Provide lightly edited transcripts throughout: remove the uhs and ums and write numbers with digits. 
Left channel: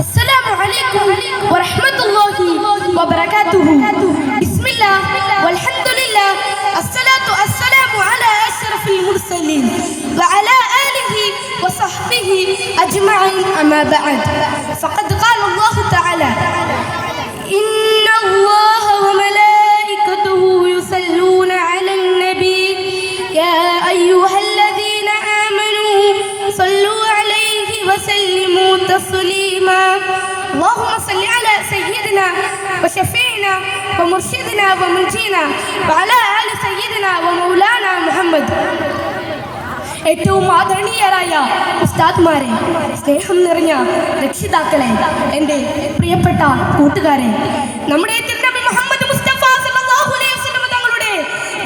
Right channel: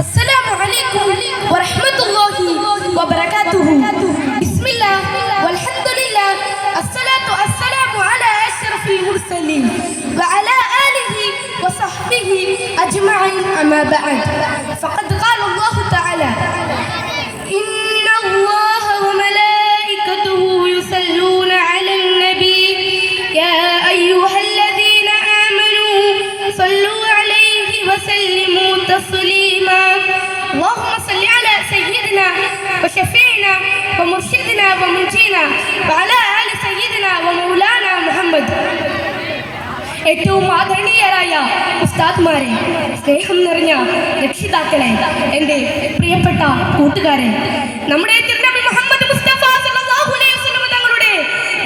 അസ്സലാമു അലൈക്കും വറഹ്മത്തുള്ളാഹി വബറകാതുഹു. ബിസ്മില്ലാഹ് വൽഹംദുലില്ലാഹ് അസ്സലാത്തു അസ്സലാമു അലാ അശ്റഫിൽ മുർസലീൻ വഅലാ ആലിഹി വസഹ്ബിഹി അജ്മഈൻ അമാ ബഅദ്. ഫഖദ് ഖാല അല്ലാഹു തആല ഇന്നല്ലാഹ വമലായികതുഹു യുസല്ലൂന അലൻ നബി യാ അയ്യുഹല്ലദീന ആമനൂ സല്ലൂ അലൈഹി വസല്ലിമൂ തസ്ലീമാ. اللهم صل على سيدنا وشفيعنا ومرشدنا ومنجينا وعلى آل سيدنا ومولانا محمد. ഏറ്റവും ആദരണീയരായ ഉസ്താദ്മാരെ, സ്നേഹം നിറഞ്ഞ രക്ഷിതാക്കളെ, എൻ്റെ പ്രിയപ്പെട്ട കൂട്ടുകാരെ, നമ്മുടെ തിരുനബി മുഹമ്മദ് മുസ്തഫ സല്ലല്ലാഹു അലൈഹി വസല്ലം തങ്ങളുടെ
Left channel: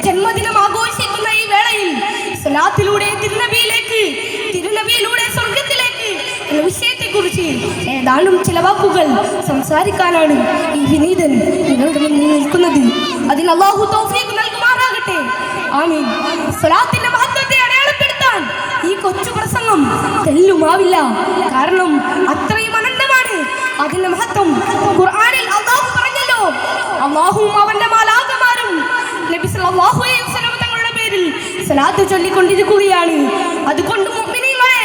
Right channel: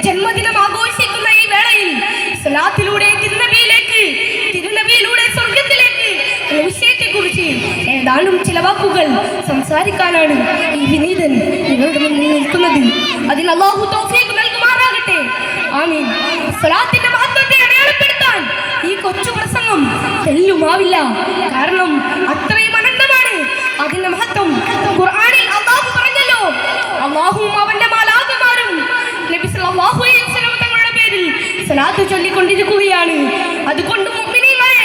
ജന്മദിനം ആഘോഷിക്കുന്ന ഈ വേളയിൽ സ്വലാത്തിലൂടെ തിരുനബിയിലൂടെ സ്വർഗത്തിലേക്ക് എന്ന വിഷയത്തെക്കുറിച്ച് ഏതാനും ചില വാക്കുകൾ സംസാരിക്കാനാണ് ഈ വിനീതൻ നിങ്ങളുടെ മുന്നിൽ നിൽക്കുന്നത്. അതിന് അല്ലാഹു തൗഫീഖ് നൽകുമാറാകട്ടെ. ആമീൻ. സ്വലാത്തിന്റെ മഹത്വത്തെ അടയാളപ്പെടുത്താൻ ഈ കൊച്ചു പ്രസംഗം തെല്ലുമാവില്ല. കാരണം അത്രയും അനന്തമാണ് അതിന്റെ മഹത്വം. ഖുർആനിൽ അല്ലാഹു പറഞ്ഞല്ലോ, അല്ലാഹുവും അവന്റെ മാലാഖമാരും നബി സല്ലല്ലാഹു അലൈഹി വസല്ലം തങ്ങളുടെ പേരിൽ സ്വലാത്ത് ചൊല്ലിക്കൊണ്ടിരിക്കുകയാണ്. അതുകൊണ്ട് മുഅ്മിനീങ്ങളെ,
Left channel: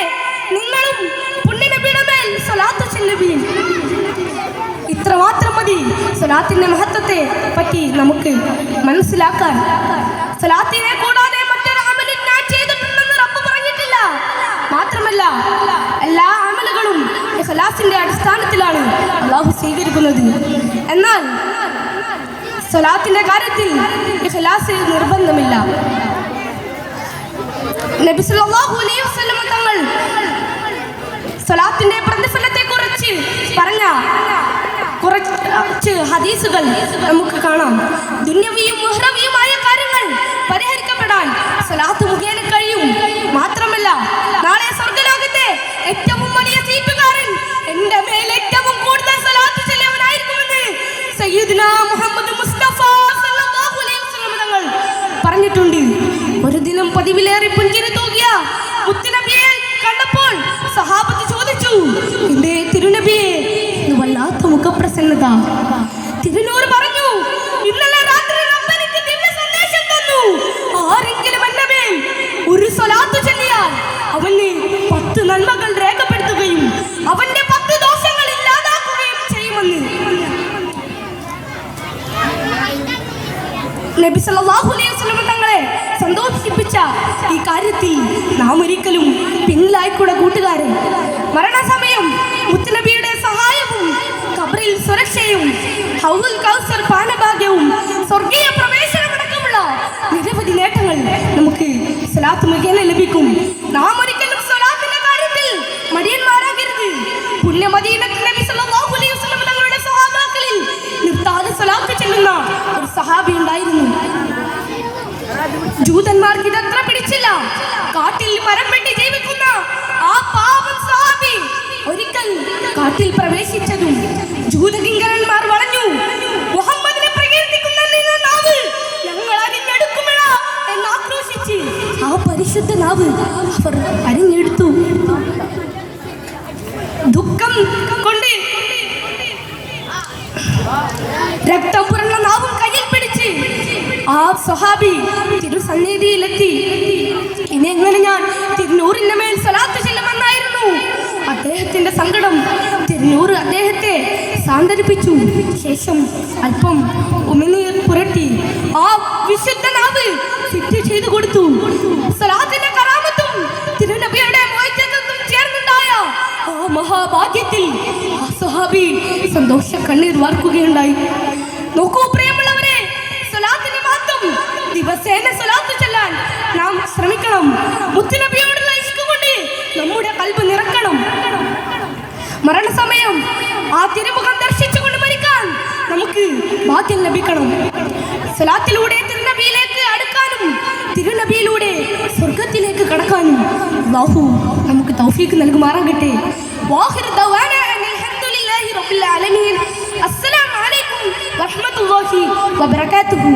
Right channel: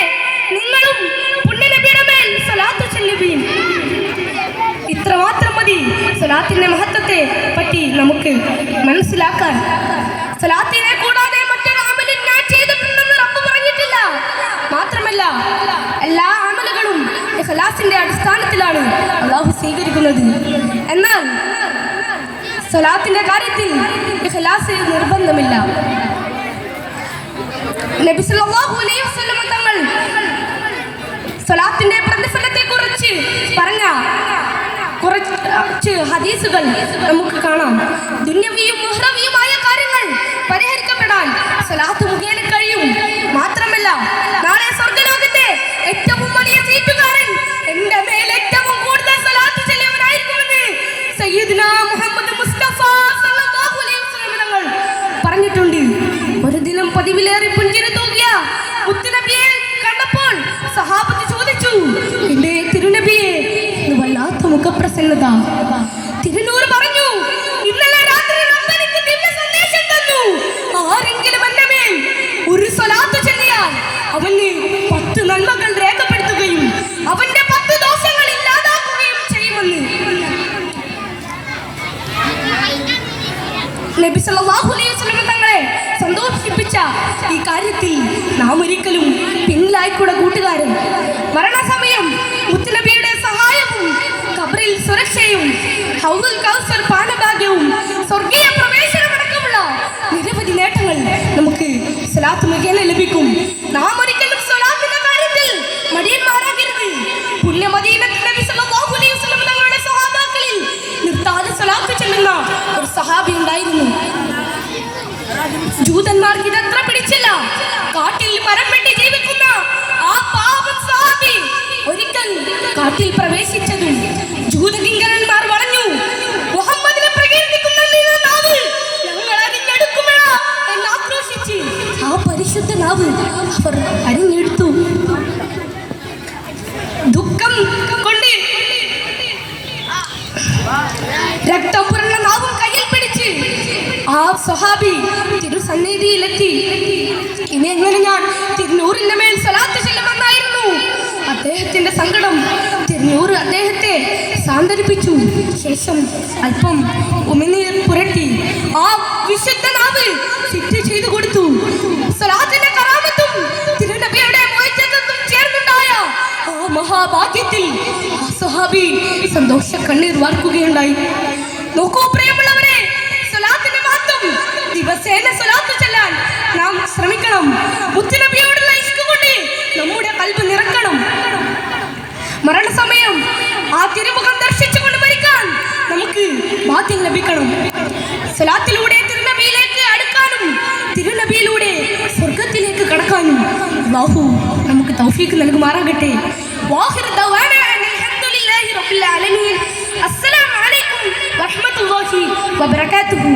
നിങ്ങളും പുണ്യനബിയുടെ മേൽ സ്വലാത്ത് ചൊല്ലുവീൻ. ഇത്രമാത്രം മതി സ്വലാത്തിന്റെ മഹത്വത്തെ പറ്റി നമുക്ക് മനസ്സിലാക്കാൻ. സ്വലാത്തിനെ കൂടാതെ മറ്റൊരു അമലും ഞാൻ ചെയ്തിട്ടുണ്ടെന്ന് റബ്ബ് പറഞ്ഞിട്ടില്ല. മാത്രമല്ല, എല്ലാ അമലുകളും ഇഖ്ലാസിന്റെ അടിസ്ഥാനത്തിലാണ് അല്ലാഹു സ്വീകരിക്കുന്നത്. എന്നാൽ സ്വലാത്തിന്റെ കാര്യത്തിൽ ഇഖ്ലാസ് നിർബന്ധമില്ല. നബി സല്ലല്ലാഹു അലൈഹി വസല്ലം തങ്ങൾ സ്വലാത്തിന്റെ പ്രതിഫലത്തെ കുറിച്ച് പറഞ്ഞ കുറച്ച് ഹദീസുകൾ നമുക്ക് കാണാം. ദുന്യവിയും ഉഖ്റവിയുമായ കാര്യങ്ങൾ പരിഹരിക്കപ്പെടാൻ സ്വലാത്ത് മുഖേന കഴിയും. മാത്രമല്ല, നാളെ സ്വർഗ്ഗലോകത്തെ ഏറ്റവും വലിയ സീറ്റുകാരൻ എൻ്റെ മേൽ ഏറ്റവും കൂടുതൽ സ്വലാത്ത് ചൊല്ലിയവനായിരിക്കുമെന്ന് സയ്യിദുനാ മുഹമ്മദ് മുസ്തഫ സല്ലല്ലാഹു അലൈഹി വസല്ലം തങ്ങൾ പറഞ്ഞിട്ടുണ്ട്. ഒരു ദിനം പതിവിലേറെ പുഞ്ചിരി തൂകിയ മുത്തുനബിയെ കണ്ടപ്പോൾ സഹാബത്ത് ചോദിച്ചു, എന്റെ തിരുനബിയെ, വല്ലാത്ത മുഖപ്രസന്നത. തിരുനൂർ പറഞ്ഞു, ഇന്നലെ രാത്രി റബ്ബ് എനിക്ക് ദിവ്യ സന്ദേശം തന്നു. ആരെങ്കിലും എന്റെ മേൽ ഒരു സ്വലാത്ത് ചൊല്ലിയാൽ അവന് 10 നന്മകൾ രേഖപ്പെടുത്തുകയും അവന്റെ 10 ദോഷങ്ങൾ ഇല്ലാതാക്കുകയും ചെയ്യുമെന്ന്. നബി സല്ലല്ലാഹു അലൈഹി വസല്ലം തങ്ങളെ സന്തോഷിപ്പിച്ച ഈ കാര്യത്തിൽ നാം ഒരിക്കലും പിന്നിലായിക്കൂടെ കൂട്ടുകാരൻ. മരണസമയം മുത്തുനബിയുടെ സഹായവും ഖബറിൽ സുരക്ഷയും ഹൗദുൽ കൗസർ പാനഭാഗ്യവും സ്വർഗീയ പ്രവേശനമടക്കമുള്ള നിരവധി നേട്ടങ്ങൾ നമുക്ക് സ്വലാത്ത് മുഖേന ലഭിക്കും. നാം ഒരിക്കലും സ്വലാത്തിന്റെ കാര്യത്തിൽ മടിയന്മാരാകരുത്. പുണ്യ മദീനത്തിൽ നബി സല്ലല്ലാഹു അലൈഹി വസല്ലം തങ്ങളുടെ സ്വഹാബാക്കളിൽ നിർത്താതെ സ്വലാത്ത് ചൊല്ലുന്ന ഒരു സഹാബി ഉണ്ടായിരുന്നു. ജൂതന്മാർക്ക് ഇതത്ര പിടിച്ചില്ല. കാട്ടിൽ മരം വെട്ടി ജീവിക്കുന്ന ആ പാവം സഹാബി ഒരിക്കൽ കാട്ടിൽ പ്രവേശിച്ചതും ജൂതകിങ്കരന്മാർ വളഞ്ഞു. മുഹമ്മദിനെ പ്രകീർത്തിക്കുന്ന നാവ് ഞങ്ങൾ അരിഞ്ഞെടുക്കുമോ എന്ന് ആക്രോശിച്ച് ആ പരിശുദ്ധ നാവ് അവർ അരിഞ്ഞെടുത്തു. ദുഃഖം കൊണ്ട് രക്തം പുരണ്ട നാവും കയ്യിൽ പിടിച്ച് ആ സ്വഹാബി തിരുസന്നിധിയിലെത്തി. ഇനി എങ്ങനെ ഞാൻ തിരുനൂറിന്റെ മേൽ സ്വലാത്ത് ചെല്ലുമെന്നായിരുന്നു അദ്ദേഹത്തിന്റെ സങ്കടം. തിരുനൂർ അദ്ദേഹത്തെ സാന്ത്വനിപ്പിച്ചു. ശേഷം അല്പം ഉമിനീർ പുരട്ടി ആ വിശുദ്ധ നാവ് ഫിറ്റ് ചെയ്തു കൊടുത്തു. സ്വലാത്തിന്റെ കറാമത്തും തിരുനബിയുടെ മോചനത്തും ചേർന്നുണ്ടായ ആ മഹാഭാഗ്യത്തിൽ ആ സ്വഹാബി സന്തോഷ കണ്ണീർ വാർക്കുകയുണ്ടായി. നോക്കൂ പ്രിയമുള്ളവരെ, സ്വലാത്തിന്റെ മഹത്വം. ദിവസേന സ്വലാത്ത് ചൊല്ലാൻ നാം ശ്രമിക്കണം. മുത്തുനബിയോടുള്ള ഇഷ്ക് കൊണ്ട് നമ്മുടെ ഖൽബ് നിറക്കണം. മരണസമയം ആ തിരുമുഖം ദർശിച്ചുകൊണ്ട് മരിക്കാൻ നമുക്ക് ഭാഗ്യം ലഭിക്കണം. സ്വലാത്തിലൂടെ തിരുനബിയിലേക്ക് അടുക്കാനും തിരുനബിയിലൂടെ സ്വർഗത്തിലേക്ക് കടക്കാനും അല്ലാഹു നമുക്ക് തൗഫീഖ് നൽകുമാറാകട്ടെ. വാഖിറു ദഅവാനാ അൽഹംദുലില്ലാഹി റബ്ബിൽ ആലമീൻ. അസ്സലാമു അലൈക്കും വറഹ്മത്തുള്ളാഹി വബറകാതുഹു.